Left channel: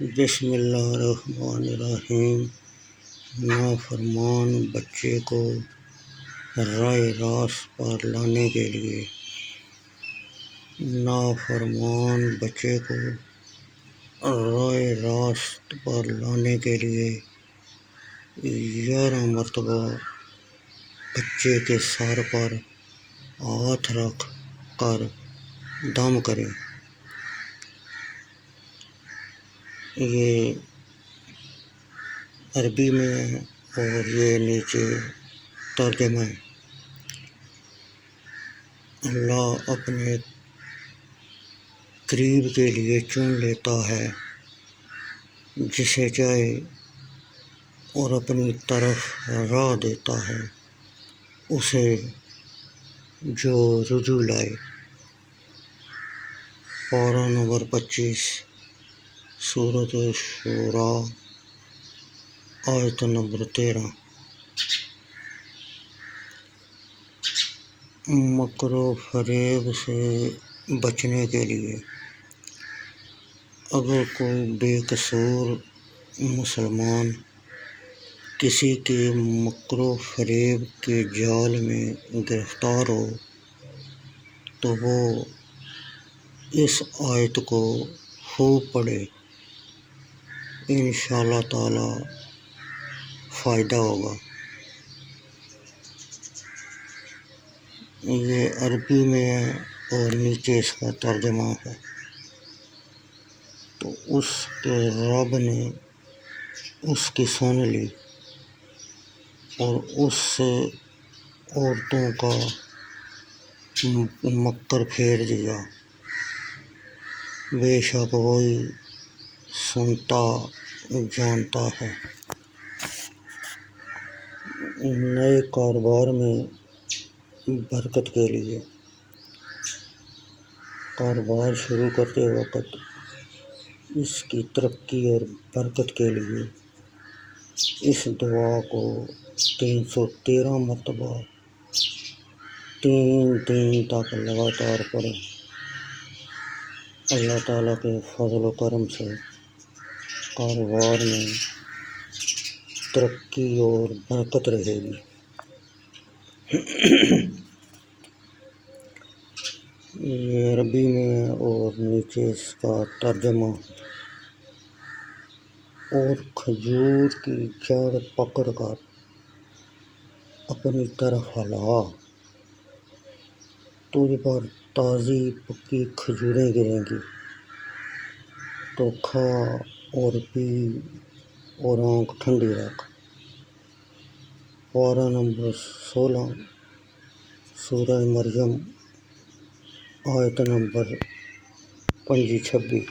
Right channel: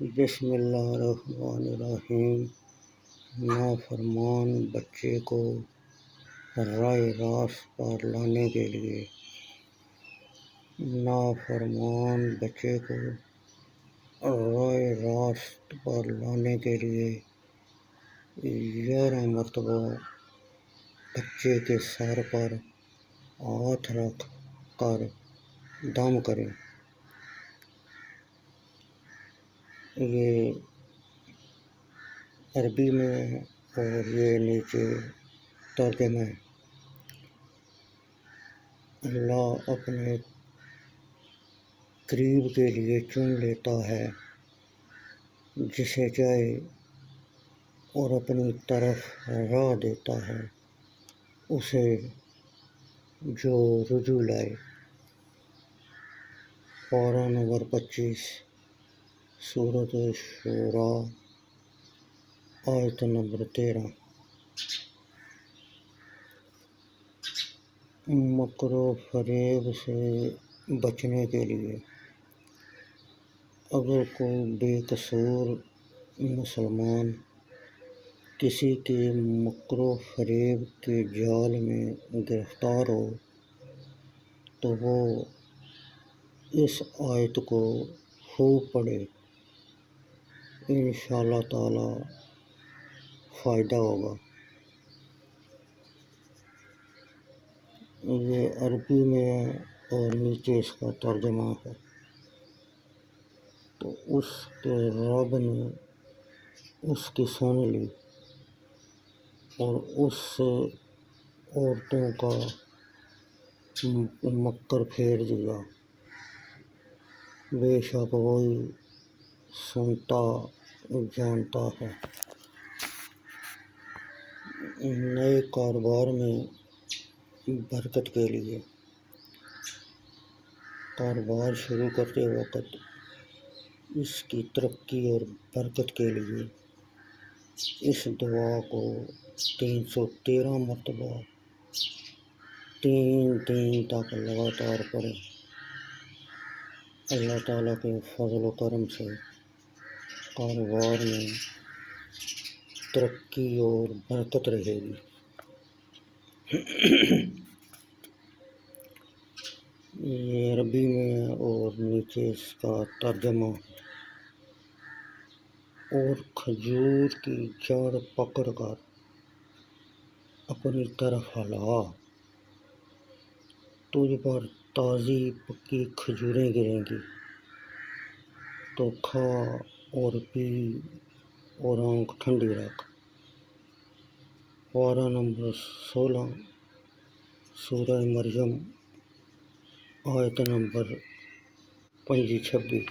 بسم اللہ الرحمن الرحیم۔ نافرمان بچے کو راہ راست پر لانے کے لیے نافرمان بچے کو راہ راست پر لانے کے لیے 11 مرتبہ بچے کے سر پر ہاتھ رکھ کر دم کریں۔ یہ عربی میں ہے اور یہ نیچے ترجمہ ہے۔ اللہ اپنے قریب کے لیے چن لیتا ہے جسے چاہے اور اپنی طرف راہ دیتا ہے اسے جو رجوع لائے۔ پارہ نمبر 25 سورۃ شورى آیت نمبر 13۔ مکر و فریب سے بچنے کے لیے اگر کوئی بے قصور مسلمان کسی کے مکر و فریب کے جال میں گرفتار ہو تو وہ اس آیت کو خوب پڑھے، انشاءاللہ تعالی فائدہ ہوگا۔ یہ عربی میں ہے اور نیچے اس کا ترجمہ ہے۔ تو اس کے رب نے اس کی سن لی اور اس سے عورتوں کا مکر پھیر دیا۔ بے شک وہی سنتا جانتا ہے۔ نئے کاروبار میں برکت کے لیے کاروبار شروع کرتے وقت اس کی ترقی اور برکت کے لیے اس دعا کو 313 مرتبہ 3 دن تک لگاتار پڑھیں۔ اللہ تعالیٰ کے فضل و کرم سے کاروبار میں ترقی اور برکت رہے گی۔ یہ عربی میں ہے اور نیچے اس کا ترجمہ۔ اور کھجور کی جڑ پکڑ کر اپنی طرف ہلا، تجھ پر تازی پکی کھجوریں گریں گی، تو کھا اور پی اور آنکھ ٹھنڈی رکھ۔ پارہ نمبر 16 سورہ مریم آیت نمبر 25-26۔